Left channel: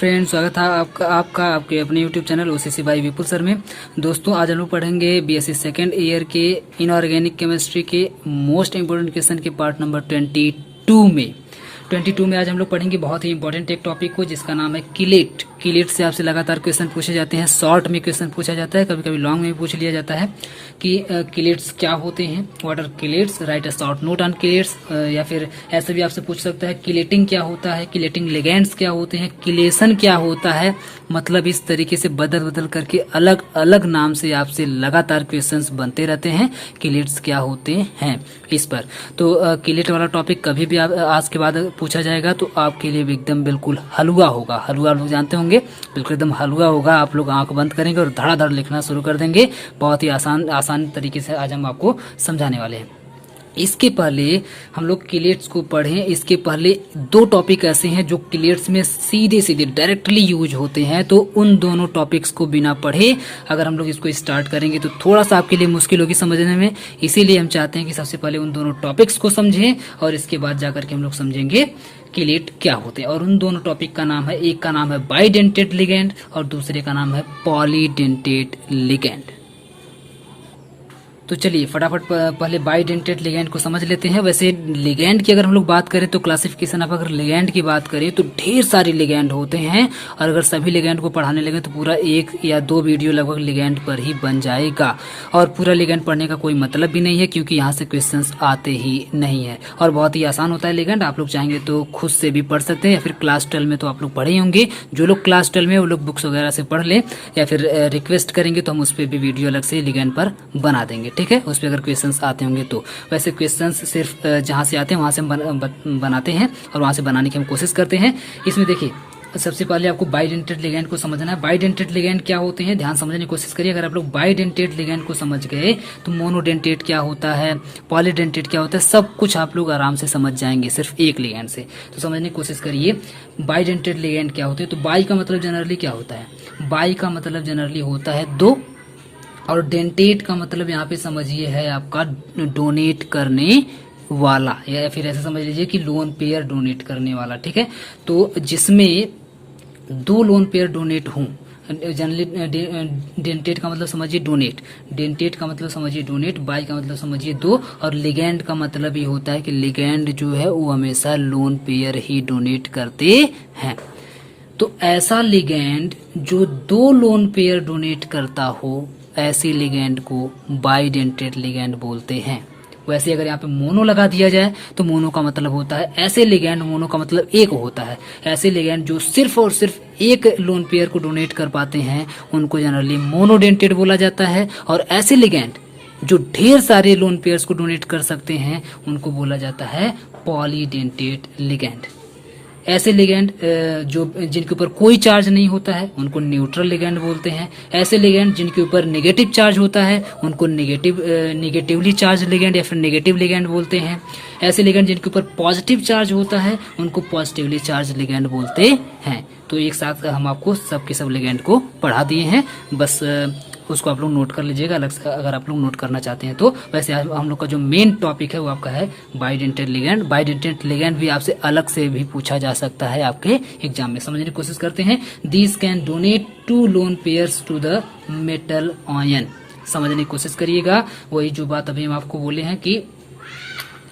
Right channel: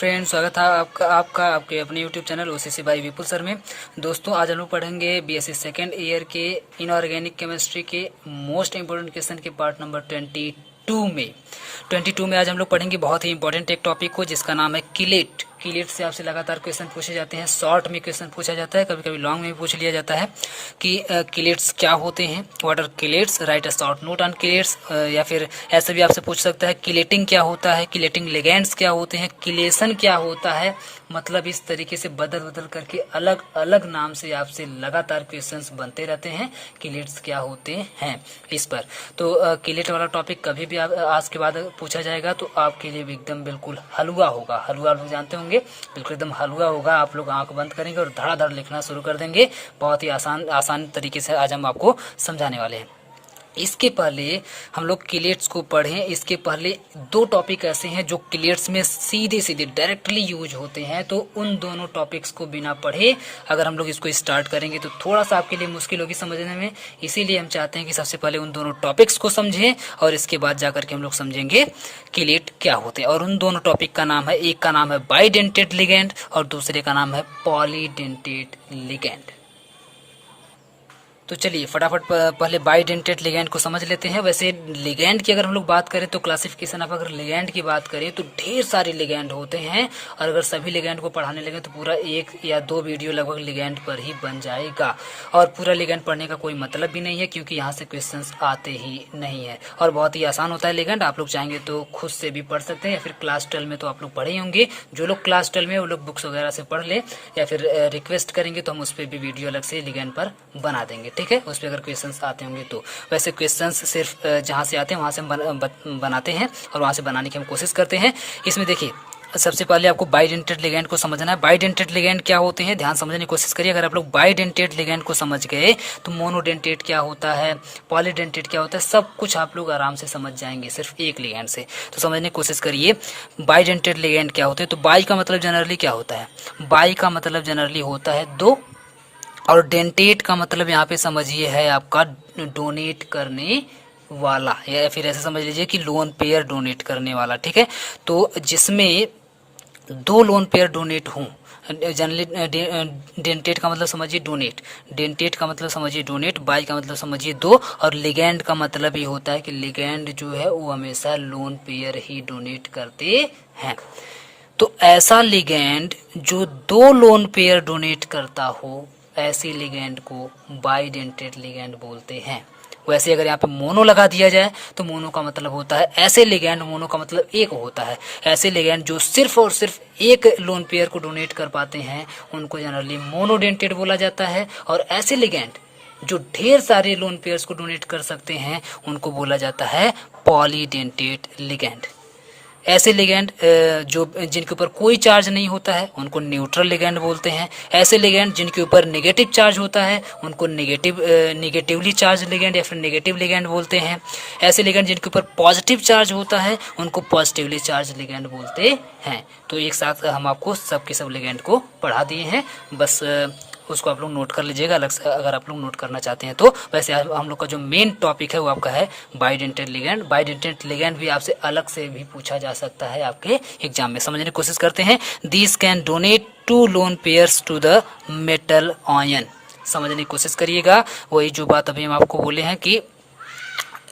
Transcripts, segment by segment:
Friends, स्वागत है आपका आपके अपने YouTube channel OCC by Vipul sir में। दोस्तों, आज हम लोग पढ़ेंगे बीएससी सेकेंड ईयर के इनऑर्गेनिक केमिस्ट्री के मोस्ट इंपोर्टेंट क्वेश्चन के पार्ट नंबर 22 में आज हम लोग पढ़ेंगे बहुत ही इंपॉर्टेंट एक टॉपिक को, जिसका नाम है किलेट। किलेट से आपसे लगातार क्वेश्चन पूछे जाते हैं, शॉर्ट में क्वेश्चन पूछा जाता है, कभी कभी लॉन्ग में भी पूछ लिया जाता है कि किलेट्स क्या होते हैं, what are chelates, write a short note on chelates. या फिर ऐसे भी आपसे पूछ सकता है किलेटिंग क्या होता है, किलेटिंग लिगेंड्स क्या होते हैं, किलेशन क्या होता है। मतलब इस तरीके से बदल बदल करके अलग अलग नाम से आपसे लगातार क्वेश्चंस बनते रहते हैं, किलेट्स क्या होते हैं इस पर। तो किलेट वाला टॉपिक कभी भी आज के बाद पूछा जाएगा तो आपके लिए भी एकदम बिल्कुल हलवा होगा। हलवा लोग जानते होंगे, बिल्कुल एकदम हलवा होगा। आप लोग आंख बंद करेंगे और धड़ाधड़ लिखना शुरू कर देंगे। बहुत ही आसान तरीके से आज हम आपको समझाने वाले हैं। इसके पहले हम लोग किलेट्स को पढ़ें, इसके पहले दो टॉपिक ऐसे हैं जो किलेट्स में सीधे सीधे डायरेक्टली यूज होते हैं, तो उन दोनों टॉपिक्स को बिना पढ़े अगर हम लोग इसको स्टार्ट करेंगे तो थोड़ा सा आपके लिए मुश्किल होगी समझने में। इसीलिए हम चाहते हैं कि सबसे पहले उन दोनों टॉपिक्स को समझें और इसके बाद जाकर के हम लोग समझेंगे किलेट क्या होते हैं। और उन दोनों टॉपिक का नाम है, एक का नाम है बाइडेंटेट लिगेंड और दूसरे का नाम है पॉलीडेंटेट लिगेंड। तो चलिए फटाफट पहले बाइडेंटेट लिगेंड को समझ लेते हैं। वैसे लिगेंड की अगर हम लोग बात करें तो क्लासिफिकेशन आप अगर लिगेंड की बात करें तो ढेर सारे लिगेंड होते हैं, और अगर सभी लिगेंड को पढ़ाने लगे तो पूरा 1 या 2 वीडियो लगभग लिगेंड पर ही बन जाएगा। और पूरा लिगेंड पढ़ने का कोई मतलब भी नहीं है, क्योंकि यहाँ से क्वेश्चंस आते ही नहीं है और बहुत ही आसान होता है लिगेंड। आप लोग चाहेंगे तो खुद से भी पढ़ सकते हैं, या फिर क्लास 12 में तो आप लोग पढ़े होंगे। जो लोग क्लास 12 में वो लोग बुक्स वगैरह से पढ़ ले, या फिर रिक्वेस्ट करेंगे तो हम उस पर भी वीडियो अलग से लिगेंड पर बना देंगे, ठीक है। उस पर अगर क्वेश्चंस आते होंगे तो। वैसे क्वेश्चंस सिर्फ जहां से आते हैं वहां से हम बनाते हैं और वहां से बनाने की हम कोशिश करते हैं। इसमें देखिए, सबसे पहले आपको बाइडेंटेट लिगेंड को समझना है। बाइडेंटेट लिगेंड क्या होते हैं, ध्यान समझने की कोशिश करिए। अगर आप लोग बाइडेंटेट लिगेंड को समझ गए तो मोनोडेंटेट क्या होता है, पॉलीडेंटेट क्या होता है, सब कुछ आप लोग आराम से समझ जाएंगे सिर्फ एक लिगेंड से। तो समझने की कोशिश करिए बाइडेंटेट लिगेंड क्या होते हैं। तो बाई का मतलब जनरली क्या होता है, बाई का मतलब जनरली होता है 2, और डेंटेट का मतलब यहाँ पे समझिए है आपका डोनेट करने वाला, या फिर ऐसे समझ लीजिए कि लोन पेयर डोनेट करने वाला, ठीक है। तो जिसमें 2 लोन पेयर डोनेट हों, जनरली डेंटेट का मतलब समझिए डोनेट, डेंटेट का मतलब समझिए डोनेट, बाई का मतलब समझिए 2, और लिगेंड का मतलब ये होता है कि लिगेंड जो है वो हमेशा लोन पेयर ही डोनेट करते हैं। तो ऐसा लिगेंड जो 2 लोन पेयर डोनेट करता हो, ऐसे लिगेंड को बाइडेंटेट लिगेंड बोलते हैं। वैसे अगर यहाँ पे मोनो लगा दिया जाए तो मोनो का मतलब होता है ऐसे लिगेंड, मोनो का मतलब एक होता है। ऐसे लिगेंड जो सिर्फ और सिर्फ एक लोन पेयर को डोनेट कर पाते हैं उनको जनरली मोनोडेंटेट बोला जाता है, और ऐसे लिगेंड जो ढेर सारे लोन पेयर्स को डोनेट कर सकते हैं उनको बोला जाता है पॉलीडेंटेट लिगेंड। ऐसे लिगेंड जो जिनके ऊपर कोई चार्ज नहीं होता है उनको न्यूट्रल लिगेंड बोलते हैं। ऐसे लिगेंड जिनके ऊपर नेगेटिव चार्ज होता है उनको नेगेटिवली चार्ज लिगेंड या फिर नेगेटिव लिगेंड बोलते हैं। ऐसे लिगेंड जिनके ऊपर पॉजिटिव चार्ज होता है उनको पॉजिटिवली चार्ज लिगेंड बोलते हैं। तो एक साथ हम आपको सब के सब लिगेंड को पढ़ा दिए हैं, बस उसको आप लोग नोट कर लीजिएगा अलग से अगर आप लोग नोट करना चाहते हैं तो। वैसे हम लोग का जो मेन टॉपिक है वो आपका है बाइडेंटेट लिगेंड। बाइडेंटेट लिगेंड भी आपसे अलग से भी पूछा जा सकता है आपके एग्जाम में। समझने की कोशिश करते हैं। This can donate 2 lone pairs to the metal ion. समझने की कोशिश करिएगा। वही जो बात अभी हम आपको बोले हैं कि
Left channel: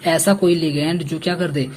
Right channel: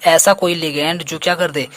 ऐसा कोई लिगेंड जो क्या कर दे,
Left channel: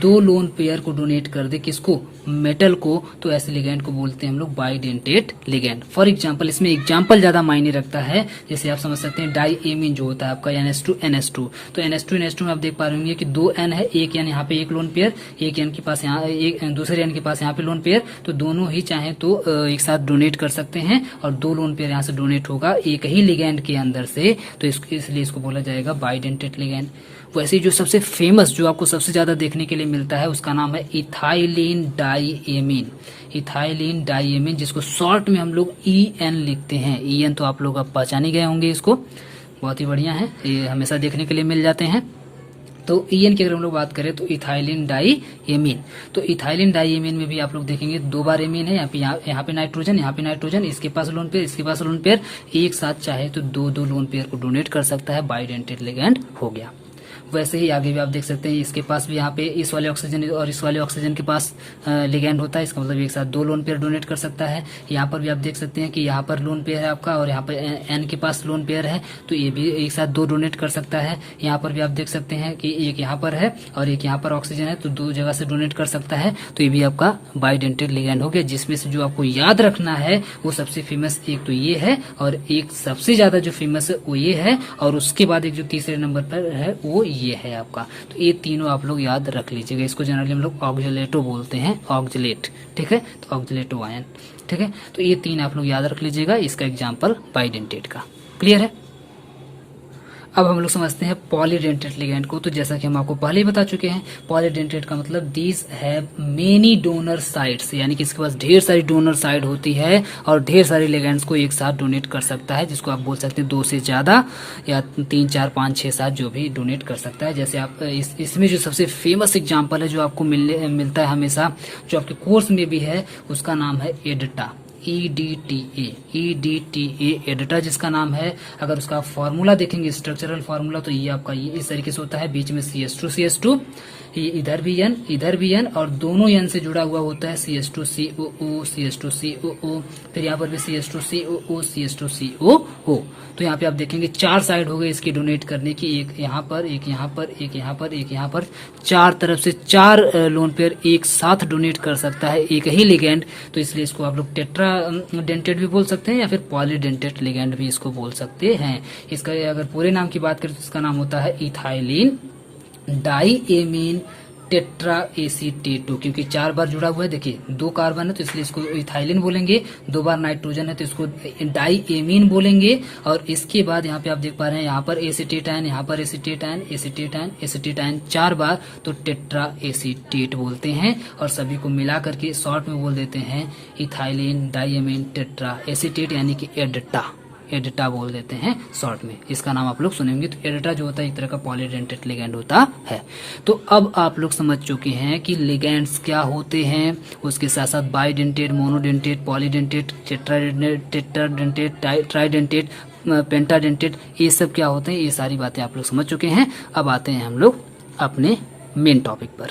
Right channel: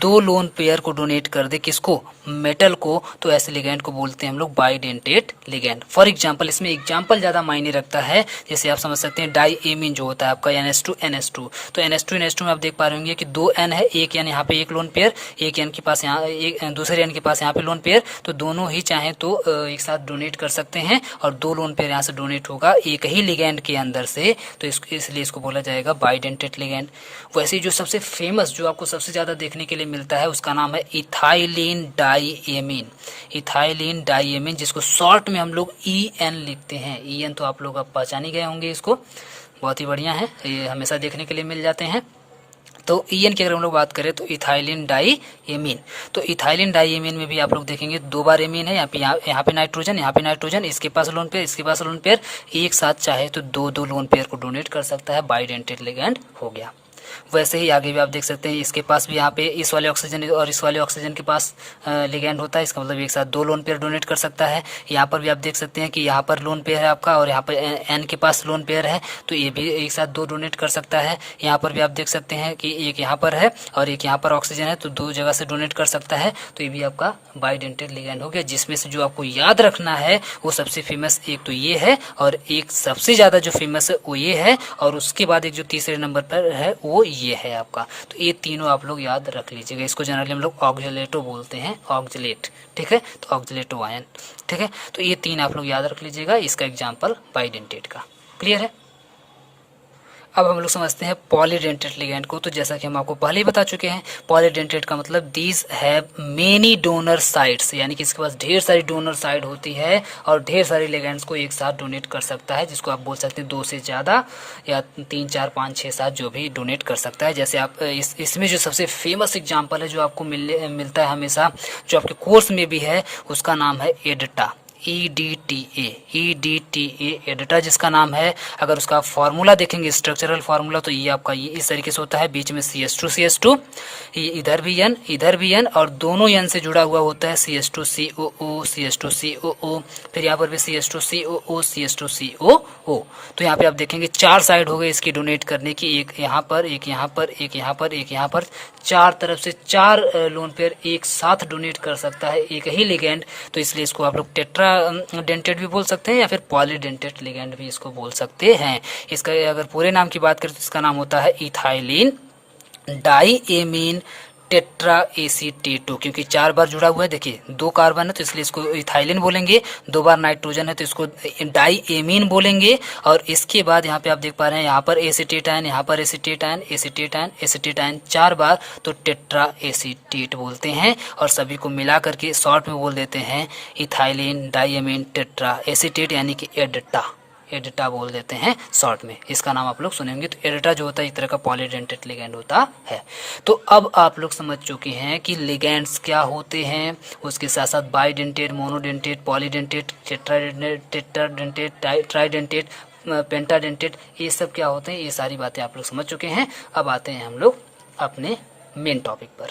2 लोन पेयर को डोनेट कर दे, किसको, मेटल को, तो ऐसे लिगेंड को बोलते हैं हम लोग बाइडेंटेट लिगेंड। फॉर एग्जांपल, इसमें एग्जांपल ज्यादा मायने रखता है। जैसे आप समझ सकते हैं डाई एमीन जो होता है आपका NH2NH2, तो NH2NH2 में आप देख पा रहे होंगे कि 2 N है, एक N यहाँ पे एक लोन पेयर, एक N के पास यहाँ, एक दूसरे N के पास यहाँ पे लोन पेयर, तो दोनों ही चाहे तो एक साथ डोनेट कर सकते हैं, और 2 लोन पेयर यहाँ से डोनेट होगा एक ही लिगेंड के अंदर से, तो इसलिए इसको बोला जाएगा बाइडेंटेट लिगेंड। वैसे जो सबसे फेमस, जो आपको सबसे ज्यादा देखने के लिए मिलता है, उसका नाम है इथाइलिन डाईएमीन। इथाइलिन डाईएमीन, जिसको शॉर्ट में हम लोग EN लिखते हैं। EN तो आप लोग अब पहचान ही गए होंगे इसको, बहुत ही बढ़िया है, ये हमेशा देखने के लिए मिल जाते हैं। तो EN की अगर हम लोग बात करें तो इथाइलिन डाईएमीन, तो इथाइलिन डाईएमीन में भी आप लोग देखेंगे 2 बार एमीन है, यहाँ पे नाइट्रोजन, यहाँ पे नाइट्रोजन, इसके पास लोन पेयर, इसके पास लोन पेयर, एक साथ चाहे तो 2 लोन पेयर को डोनेट कर सकता है, बाइडेंटेट लिगेंड हो गया। वैसे ही आगे भी आप देख सकते हैं इसके पास भी यहाँ पे इस वाले ऑक्सीजन और इस वाले ऑक्सीजन के पास लिगैंड होता है। इसका मतलब एक साथ 2 लोन पेयर डोनेट कर सकता है। यहाँ पर भी आप देख सकते हैं कि यहाँ पर लोन पेयर है आपका और यहाँ पर एन के पास लोन पेयर है, तो ये भी एक साथ 2 डोनेट कर सकता है। यहाँ पर भी आप देख सकते हैं कि एक यहाँ पर है और एक यहाँ पर ऑक्सीजन है, तो 2 जगह से डोनेट कर सकता है। तो ये भी आपका बाइडेंटेट लिगैंड हो गया, जिसमें से जो आपको याद रखना है वो सबसे फेमस एक तो ये है और एक सबसे ज्यादा जो फेमस है वो ये है, और उसके बाद एक जो तीसरे नंबर पर है वो ये है आपका। तो ये तीनों आप लोग याद रख लीजिएगा। इसको जनरली हम लोग ऑक्जेलेटो बोलते हैं, ऑक्जेलेट, ठीक है, तो ऑक्जेलेटो आयन, ठीक है। तो ये 3 आप लोग याद रख लीजिएगा, इसका एग्जाम्पल बाइडेंटेट का। क्लियर है। अब हम लोग समझते हैं पॉलीडेंटेट लिगैंड को। तो जैसा कि हम आपको पहले ही बता चुके हैं, पॉलीडेंटेट का मतलब these have many donor sites, यानी कि इसके पास ढेर सारी डोनर साइट होती है और ढेर सारी लिगैंड्स को एक साथ डोनेट कर सकता है, जिसको आप बोल सकते हैं 2 से ज्यादा या 3, 4, 5, 6, 7 जो भी डोनेट कर सकता है। जैसे आप इसमें जो सबसे फेमस एग्जाम्पल है जो आपको मिलता है हमेशा, जो आपके कोर्स में भी है, उसका नाम है एडिटा, EDTA, एडिटा जिसका नाम है। अगर उसका फार्मूला देखेंगे, स्ट्रक्चरल फार्मूला, तो ये आपका ये इस तरीके से होता है, बीच में CH2 इधर भी N और दोनों N से जुड़ा हुआ होता है CH2COO, फिर यहाँ पर भी CH2COO। तो यहाँ पे आप देखेंगे 4 साइड हो गए इसकी डोनेट करने की, एक यहाँ पर, एक यहाँ पर, एक यहाँ पर, एक यहाँ पर, 4 तरफ से 4 लोन पेयर एक साथ डोनेट कर सकता है एक ही लिगैंड। तो इसलिए इसको आप लोग टेट्रा डेंटेट भी बोल सकते हैं या फिर पॉलीडेंटेट लिगैंड भी इसको बोल सकते हैं। इसका अगर पूरे नाम की बात करें तो इसका नाम होता है इथाइलिन डाईएमीन टेट्रा एसीटेटो, क्योंकि 4 बार जुड़ा हुआ है। देखिए 2 कार्बन है तो इसलिए इसको इथाइलिन बोलेंगे, 2 बार नाइट्रोजन है तो इसको डाईएमीन बोलेंगे, और इसके बाद यहाँ पे आप देख पा रहे हैं यहाँ पर एसीटेट आयन, यहाँ पर acetate ion, acetate ion, acetate ion 4 बार, तो टेट्रा एसीटेट बोलते हैं। और सभी को मिला करके शॉर्ट में बोल देते हैं इथाइलिन डाईएमीन टेट्रा एसीटेट, यानी कि एडिटा बोल देते हैं शॉर्ट में। इसका नाम आप लोग सुनेंगे। तो एडिटा जो होता है एक तरह का पॉलीडेंटेट लिगैंड होता है। तो अब आप लोग समझ चुके हैं कि लिगैंड्स क्या होते हैं, उसके साथ साथ bidentate, monodentate, polydentate, tetradentate, tridentate, pentadentate, ये सब क्या होते हैं, ये सारी बातें आप लोग समझ चुके हैं। अब आते हैं हम लोग अपने मेन टॉपिक पर।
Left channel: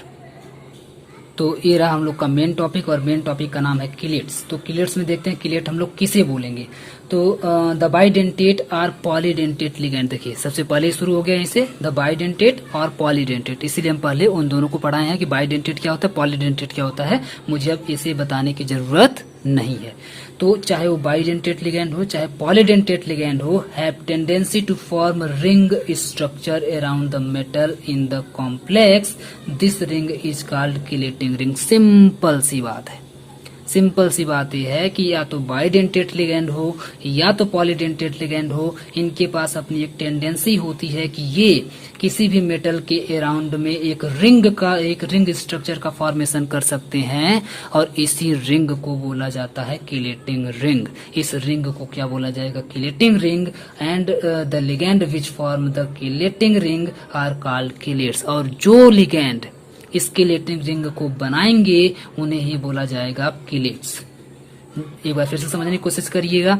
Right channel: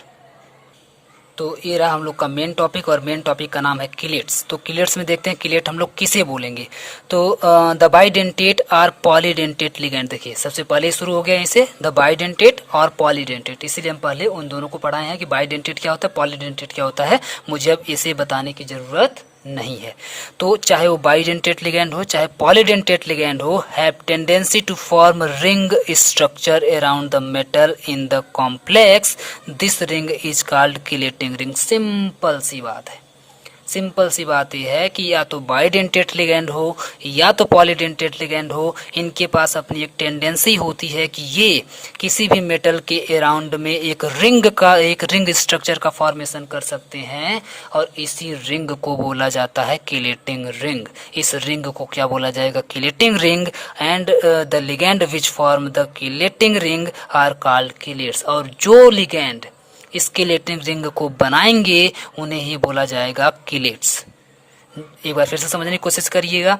तो ये रहा हम लोग का मेन टॉपिक, और मेन टॉपिक का नाम है किलेट्स। तो किलेट्स में देखते हैं किलेट हम लोग किसे बोलेंगे। तो द बाइडेंटेट और पॉलीडेंटेट लिगैंड, देखिए सबसे पहले शुरू हो गया इसे द बाइडेंटेट और पॉलीडेंटेट, इसीलिए हम पहले उन दोनों को पढ़ाए हैं कि बाइडेंटेट क्या होता है, पॉलीडेंटेट क्या होता है। मुझे अब इसे बताने की जरूरत नहीं है। तो चाहे वो बाइडेंटेट लिगैंड हो चाहे पॉलीडेंटेट लिगैंड हो, have tendency to form ring structure around the metal in the complex, this ring is called chelating ring. Simple सी बात है, सिंपल सी बात यह है कि या तो बाइडेंटेट लिगैंड हो या तो पॉलीडेंटेट लिगैंड हो, इनके पास अपनी एक टेंडेंसी होती है कि ये किसी भी मेटल के अराउंड में एक रिंग स्ट्रक्चर का फॉर्मेशन कर सकते हैं, और इसी रिंग को बोला जाता है किलेटिंग रिंग। इस रिंग को क्या बोला जाएगा, chelating ring. And the ligand which form the chelating ring are called chelates. और जो लिगैंड इस किलेटिंग रिंग को बनाएंगे उन्हें ही बोला जाएगा किलेट्स। एक बार फिर से समझने की कोशिश करिएगा।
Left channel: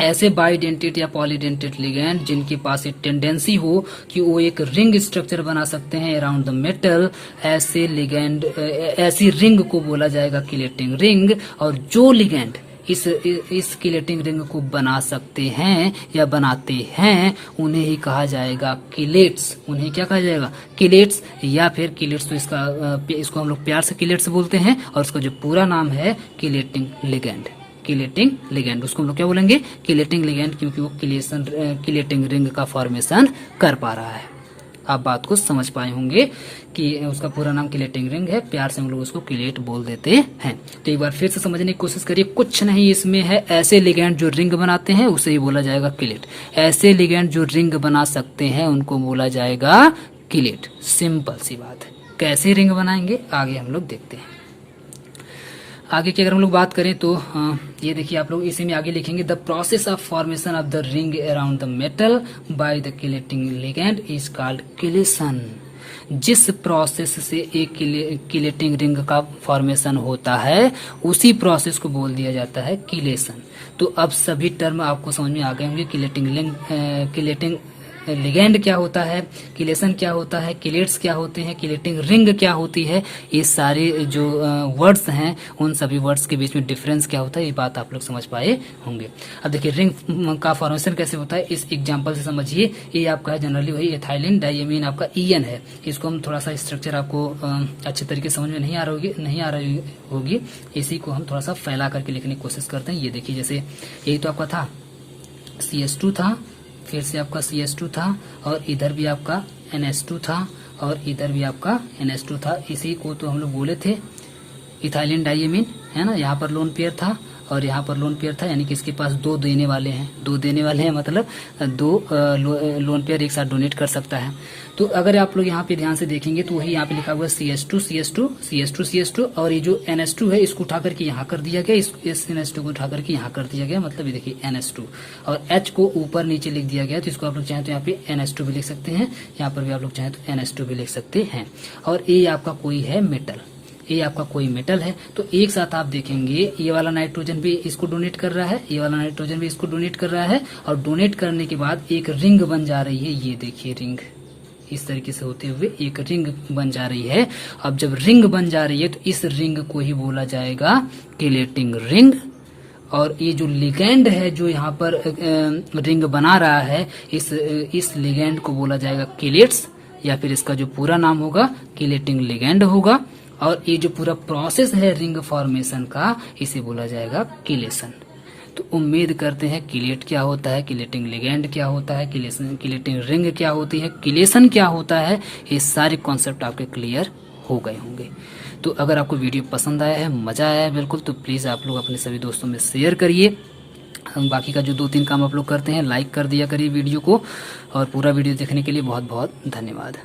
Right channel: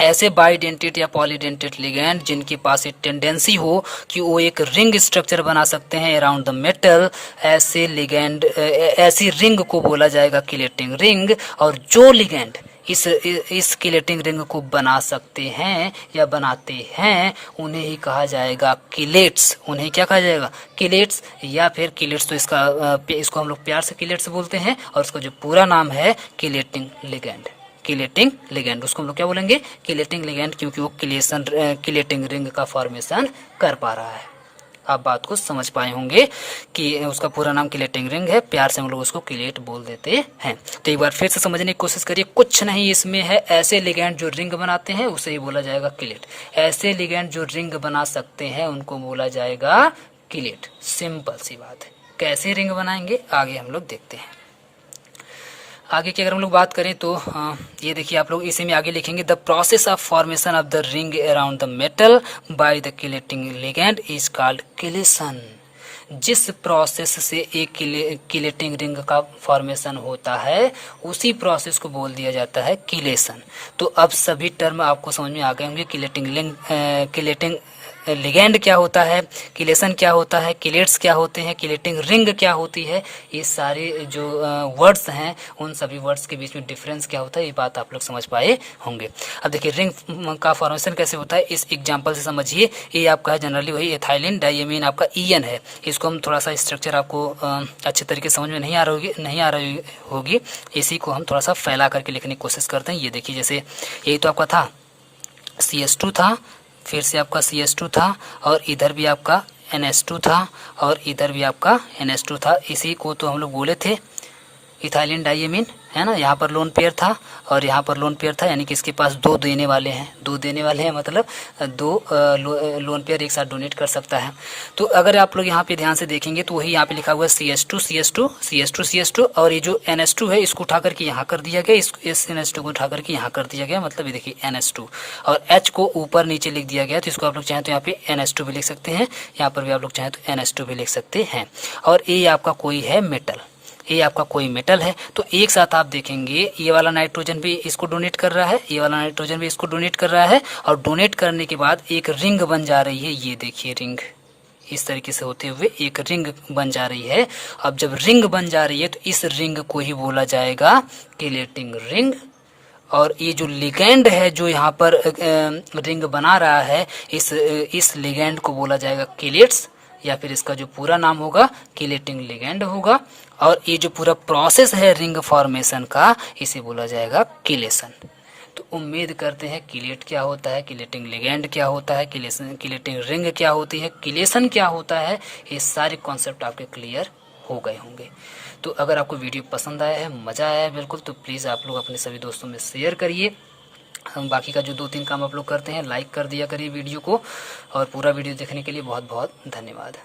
ऐसे बाइडेंटेट या पॉलीडेंटेट लिगैंड जिनके पास एक टेंडेंसी हो कि वो एक रिंग स्ट्रक्चर बना सकते हैं अराउंड द मेटल, ऐसे लिगैंड, ऐसी रिंग को बोला जाएगा किलेटिंग रिंग। और जो लिगैंड इस किलेटिंग रिंग को बना सकते हैं या बनाते हैं उन्हें ही कहा जाएगा किलेट्स। उन्हें क्या कहा जाएगा, किलेट्स या फिर किलेट्स। तो इसको हम लोग प्यार से किलेट्स बोलते हैं, और उसका जो पूरा नाम है किलेटिंग लिगैंड। किलेटिंग लिगैंड उसको हम लोग क्या बोलेंगे, किलेटिंग लिगैंड, क्योंकि वो किलेटिंग रिंग का फॉर्मेशन कर पा रहा है। आप बात को समझ पाए होंगे कि उसका पूरा नाम किलेटिंग रिंग है, प्यार से हम लोग उसको किलेट बोल देते हैं। तो एक बार फिर से समझने की कोशिश करिए, कुछ नहीं इसमें है। ऐसे लिगैंड जो रिंग बनाते हैं उसे ही बोला जाएगा किलेट। ऐसे लिगैंड जो रिंग बना सकते हैं उनको बोला जाएगा किलेट। सिंपल सी बात है। कैसे रिंग बनाएंगे आगे हम लोग देखते हैं। आगे की अगर हम लोग बात करें तो ये देखिए आप लोग इसी में आगे लिखेंगे the process of formation of the ring around the metal by the chelating ligand is called chelation. जिस प्रोसेस से एक किलेटिंग रिंग का फॉर्मेशन होता है उसी प्रोसेस को बोल दिया जाता है किलेशन। तो अब सभी टर्म आपको समझ में आ गए होंगे। किलेटिंग लिगैंड क्या होता है, किलेशन क्या होता है, किलेट्स क्या होते हैं, किलेटिंग रिंग क्या होती है, ये सारे जो वर्ड्स हैं उन सभी वर्ड्स के बीच में डिफरेंस क्या होता है, ये बात आप लोग समझ पाए होंगे। अब देखिए रिंग का फॉर्मेशन कैसे होता है इस एग्जांपल से समझिए। ये आपका है जनरली वही एथाइलिन डाइएमीन आपका EN है। इसको हम थोड़ा सा स्ट्रक्चर आपको अच्छे तरीके से समझ में नहीं आ रही होगी, इसी को हम थोड़ा सा फैला करके लिखने की कोशिश करते हैं। ये देखिए जैसे यही तो आपका था CH2 था, फिर से आपका CH2 था, और इधर भी आपका NH2 था, और इधर भी आपका NH2 था। इसी को तो हम लोग बोले थे इथाइलिन डाइएमीन, है ना। यहाँ पर लोन पेयर था और यहाँ पर लोन पेयर था, यानी कि इसके पास दो देने वाले हैं, मतलब दो लोन पेयर एक साथ डोनेट कर सकता है। तो अगर आप लोग यहाँ पे ध्यान से देखेंगे तो वही यहाँ पे लिखा हुआ है CH2 और ये जो NH2 है इसको उठा करके यहाँ कर दिया गया, इस NH2 को उठा करके यहाँ कर दिया गया, मतलब ये देखिए NH2, और H को ऊपर नीचे लिख दिया गया। तो इसको आप लोग चाहें तो यहाँ पे NH2 भी लिख सकते हैं, यहाँ पर भी आप लोग चाहें तो NH2 भी लिख सकते हैं। और ये आपका कोई है मेटल, ये आपका कोई मेटल है। तो एक साथ आप देखेंगे ये वाला नाइट्रोजन भी इसको डोनेट कर रहा है, ये वाला नाइट्रोजन भी इसको डोनेट कर रहा है, और डोनेट करने के बाद एक रिंग बन जा रही है। ये देखिए रिंग इस तरीके से होते हुए एक रिंग बन जा रही है। अब जब रिंग बन जा रही है तो इस रिंग को ही बोला जाएगा किलेटिंग रिंग। और ये जो लिगैंड है जो यहाँ पर रिंग बना रहा है, इस लिगैंड को बोला जाएगा किलेट्स, या फिर इसका जो पूरा नाम होगा किलेटिंग लिगैंड होगा। और ये जो पूरा प्रोसेस है रिंग फॉर्मेशन का, इसे बोला जाएगा किलेशन। तो उम्मीद करते हैं किलेट क्या होता है, किलेटिंग लिगैंड क्या होता है, किलेटिंग रिंग क्या होती है, किलेशन क्या होता है, ये सारे कॉन्सेप्ट आपके क्लियर हो गए होंगे। तो अगर आपको वीडियो पसंद आया है, मज़ा आया है बिल्कुल, तो प्लीज़ आप लोग अपने सभी दोस्तों में शेयर करिए। बाकी का जो 2-3 काम आप लोग करते हैं, लाइक कर दिया करिए वीडियो को। और पूरा वीडियो देखने के लिए बहुत बहुत धन्यवाद।